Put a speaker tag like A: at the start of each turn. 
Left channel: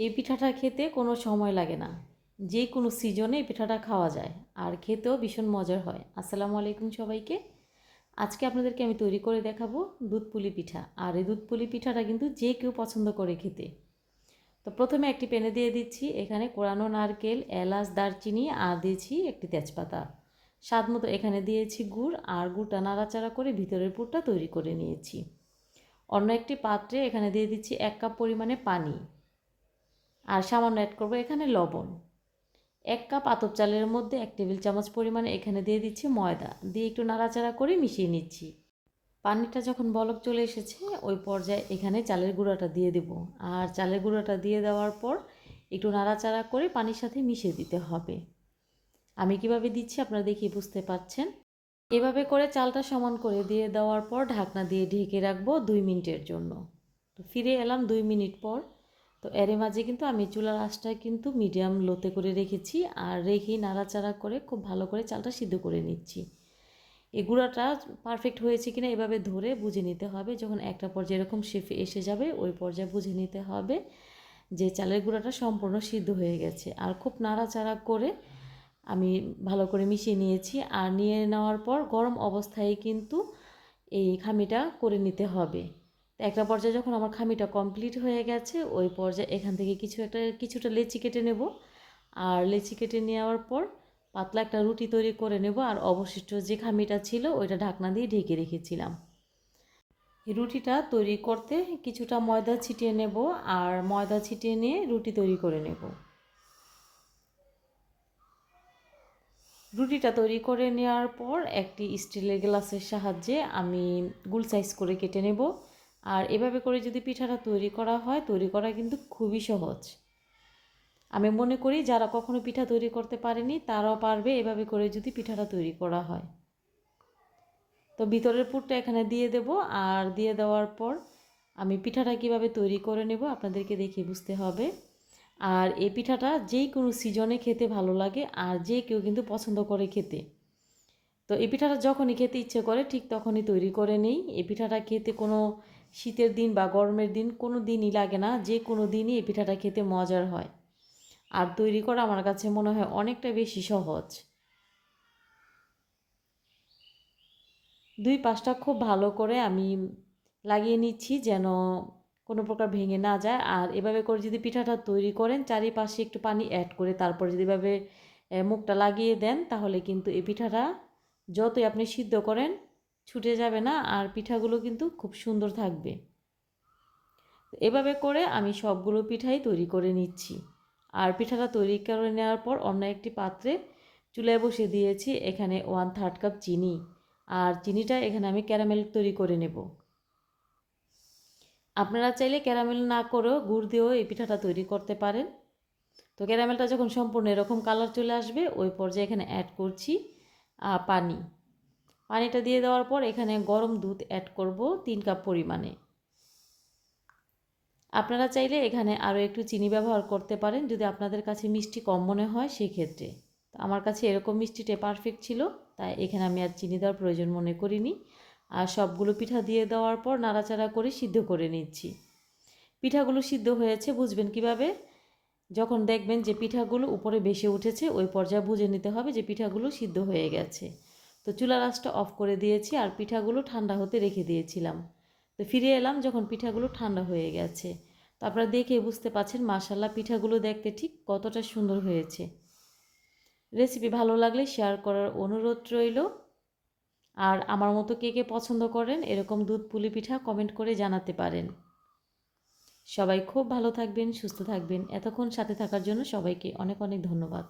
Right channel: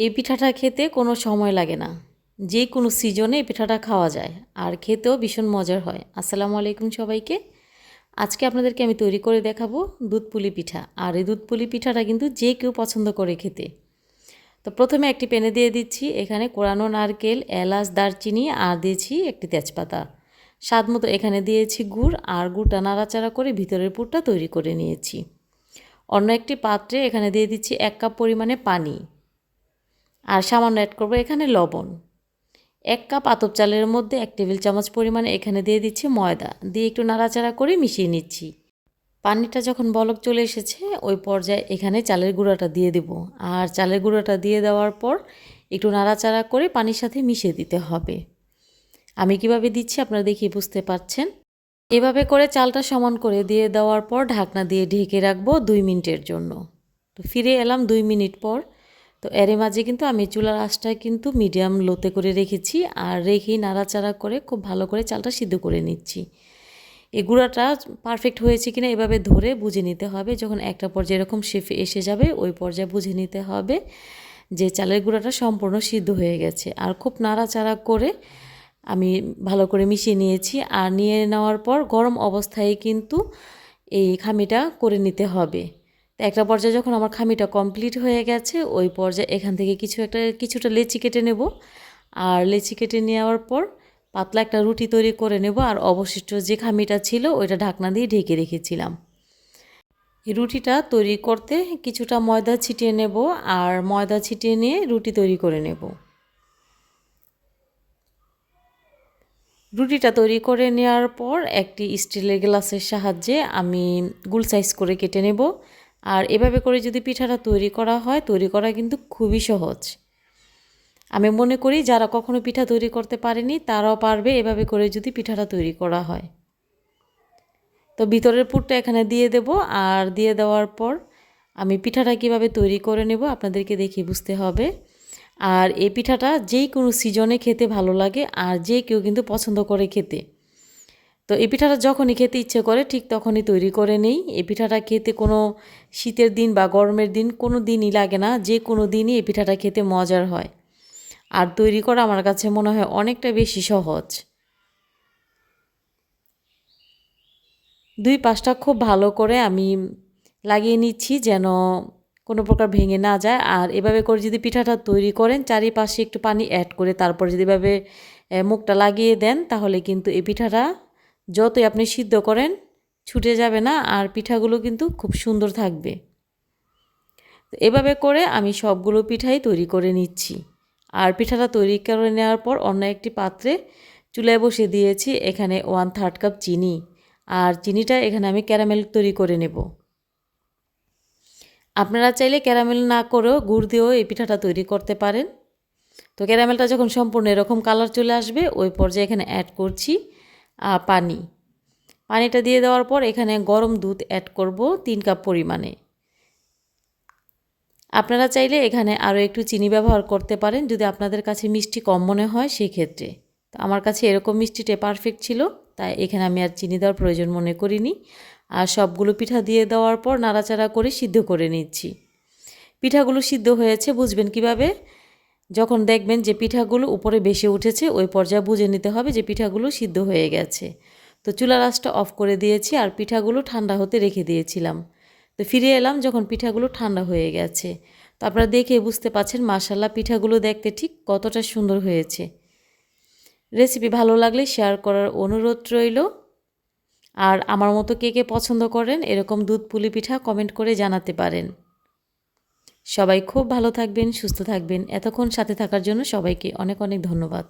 A: এই পিঠাটা খেতে কোনো সময় লাগে না। যে কোনো সিজনে এই পিঠাটা খাওয়া যায়। আর খেতেও ভীষণ মজার হয়। আসসালামু আলাইকুম সবাইকে। আজকে আপনাদেরকে আমি তৈরি করে দেখাবো দুধ পুলি পিঠা। আর এই দুধ পুলি পিঠাটা কিন্তু যে কেউ পছন্দ করে খেতে। তো প্রথমে একটি প্যানে দিয়ে দিচ্ছি। এখানে কোরানো নারকেল, এলাচ, দারচিনি আর দিয়েছি একটি তেজপাতা। স্বাদ মতো এখানে দিয়েছি গুড় আর গুড়টা নাড়াচাড়া করে ভিতরের পুরটা তৈরি করে নিয়েছি। অন্য একটি পাত্রে এখানে দিয়ে দিচ্ছি এক কাপ পরিমাণে পানি। আর সামান্য অ্যাড করব এখানে লবণ। এক কাপ আতপ চালের মধ্যে এক টেবিল চামচ পরিমাণে এখানে দিয়ে দিচ্ছি ময়দা। দিয়ে একটু নাড়াচাড়া করে মিশিয়ে নিচ্ছি। পানিটা যখন বলক চলে এসেছে, ওই পর্যায়ে এখানে চালের গুঁড়াটা দিয়ে দেব। আর চালের গুঁড়াটা দিয়ে দেওয়ার পর একটু নাড়াচাড়া করে পানির সাথে মিশিয়ে দিতে হবে। আমি কীভাবে দিচ্ছি আপনারা দেখিয়ে বুঝতে পারছেন। এভাবে করে চালটা সমান করে দিয়ে দেওয়ার পর ঢাকনা দিয়ে ঢেকে রাখব দুই মিনিটের জন্য। তো ফিরে এলাম দুই মিনিট পর। তো এর মাঝে কিন্তু আমি চুলার আঁচটা কিন্তু মিডিয়াম লোতে করে রেখেছি আর রেখেই নাড়াচাড়া করে খুব ভালো করে চালটা সিদ্ধ করে নিচ্ছি। এই গুঁড়াটা পারফেক্ট হয়েছে কিনা এভাবে ধরে বুঝে নিতে হবে। যখন একটা পর্যায়ে এরকম শেফে এসে যাবে, ওই পর্যায়ে বুঝে নিতে হবে যে চালের গুঁড়াটা সম্পূর্ণ সিদ্ধ হয়ে গেছে। আর খুব নাড়াচাড়া করে আমি ভালো করে মিশিয়ে নিয়েছি আর নিয়ে নেওয়ার পর গরম অবস্থায় কিন্তু এই খামিটা করে নিতে হবে। তো একটা পর্যায়ে যখন আমার খামিটা কমপ্লিট হয়ে গেছে, ওই পর্যায়ে এখান থেকে কিছু একটা, কিছুটা লেচি কেটে নেব। আর লেচি কেটে নেওয়ার পর পাতলা একটা রুটি তৈরি করে নেব আর অবশিষ্ট যে খামিটা ছিল ওইটা ঢাকনা দিয়ে ঢেকে রেখেছিলাম। রুটিটা তৈরি করতে কিছুটা ময়দা ছিটিয়ে নেব আর ময়দা ছিটিয়ে নিয়ে রুটি তৈরি করে নেব। রুটিটা তৈরি করে নেওয়ার পর একটি স্টিলের গ্লাসের সাহায্যে আমি গুল সাইজ করে কেটে নেব। আর এভাবে করে যদি পিঠাটা তৈরি করা হয়, তৈরি করা কিন্তু খুবই সহজ। আমি মনে করি যারা কখনো পিঠা তৈরি করতে পারেনি, তারাও পারবে এভাবে করে যদি পিঠাটা তৈরি করা হয়। তো ভিতরের পুরটা এখানে দিয়ে দেব, আর দিয়ে দেওয়ার পর আমি পিঠাটা কীভাবে তৈরি করে নেব আপনাদেরকে দেখে বুঝতে হবে। আর এই পিঠাটা যেই কোনো সিজনে খেতে ভালো লাগে, আর যে কেউ কিন্তু পছন্দ করে খেতে। তো এই পিঠাটা যখনই খেতে ইচ্ছে করে, ঠিক তখনই তৈরি করে নেই। এই পিঠাটা খেতে কোনো শীতের দিন বা গরমের দিন কোনো দিনই লাগে না, যে কোনো দিনই এই পিঠাটা খেতে মজার হয়। আর তৈরি করা আমার কাছে মনে হয় অনেকটা বেশি সহজ। দুই পাশটা খুব ভালো করে আমি লাগিয়ে নিচ্ছি যেন কোনো প্রকার ভেঙে না যায়। আর এভাবে করে যদি পিঠাটা তৈরি করেন, চারিপাশে একটু পানি অ্যাড করে তারপর যদি এভাবে মুখটা লাগিয়ে দেন, তাহলে কিন্তু এই পিঠাটা যতই আপনি সিদ্ধ করেন, ছুটে যাবে না আর পিঠাগুলো কিন্তু খুব সুন্দর থাকবে। এভাবে করে আমি সবগুলো পিঠাই তৈরি করে নিচ্ছি। আর পিঠাটা তৈরি করে নেওয়ার পর অন্য একটি পাত্রে চুলায় বসে দিয়েছি এখানে ওয়ান থার্ড কাপ চিনি। আর চিনিটা এখানে আমি ক্যারামেল তৈরি করে নেব। আপনারা চাইলে ক্যারামেল না করেও গুড় দিয়েও এই পিঠাটা তৈরি করতে পারেন। তো ক্যারামেলটা যখন সম্পূর্ণ এরকম কালার চলে আসবে, ওই পর্যায়ে এখানে অ্যাড করছি। পানি। পানিটা দিয়ে দেওয়ার পর এখানে গরম দুধ অ্যাড করব তিন কাপ পরিমাণে। আপনারা চাইলে এখানে আরও একটু চিনি ব্যবহার করতে পারেন যদি আপনাদের কাছে মিষ্টি কম মনে হয় সেই ক্ষেত্রে তো আমার কাছে এরকম মিষ্টিটা পারফেক্ট ছিল, তাই এখানে আমি আর চিনি দেওয়ার প্রয়োজন মনে করিনি। আর সবগুলো পিঠা দিয়ে দেওয়ার পর নাড়াচাড়া করে সিদ্ধ করে নিচ্ছি। পিঠাগুলো সিদ্ধ হয়েছে, বুঝবেন কীভাবে? যখন দেখবেন যে পিঠাগুলো উপরে বেশি উঠেছে, ওই পর্যায়ে বুঝে নিতে হবে যে পিঠাগুলো সিদ্ধ হয়ে গেছে। তো চুলা রাসটা অফ করে দিয়েছি আর পিঠাগুলো ঠান্ডা হতে রেখে দিয়েছিলাম। তো ফিরে এলাম যখন পিঠাগুলো ঠান্ডা হয়ে গেছে। তো আপনারা দেখে বুঝতে পাচ্ছেন মাসাল্লাহ পিঠাগুলো দেখতে ঠিক কতটা সুন্দর হয়েছে। রেসিপি ভালো লাগলে শেয়ার করার অনুরোধ রইল। আর আমার মতো কে কে পছন্দ করেন এরকম দুধ পুলি পিঠা কমেন্ট করে জানাতে পারেন। সবাই খুব ভালো থাকবেন সুস্থ থাকবেন। এতক্ষণ সাথে থাকার জন্য সবাইকে অনেক অনেক ধন্যবাদ।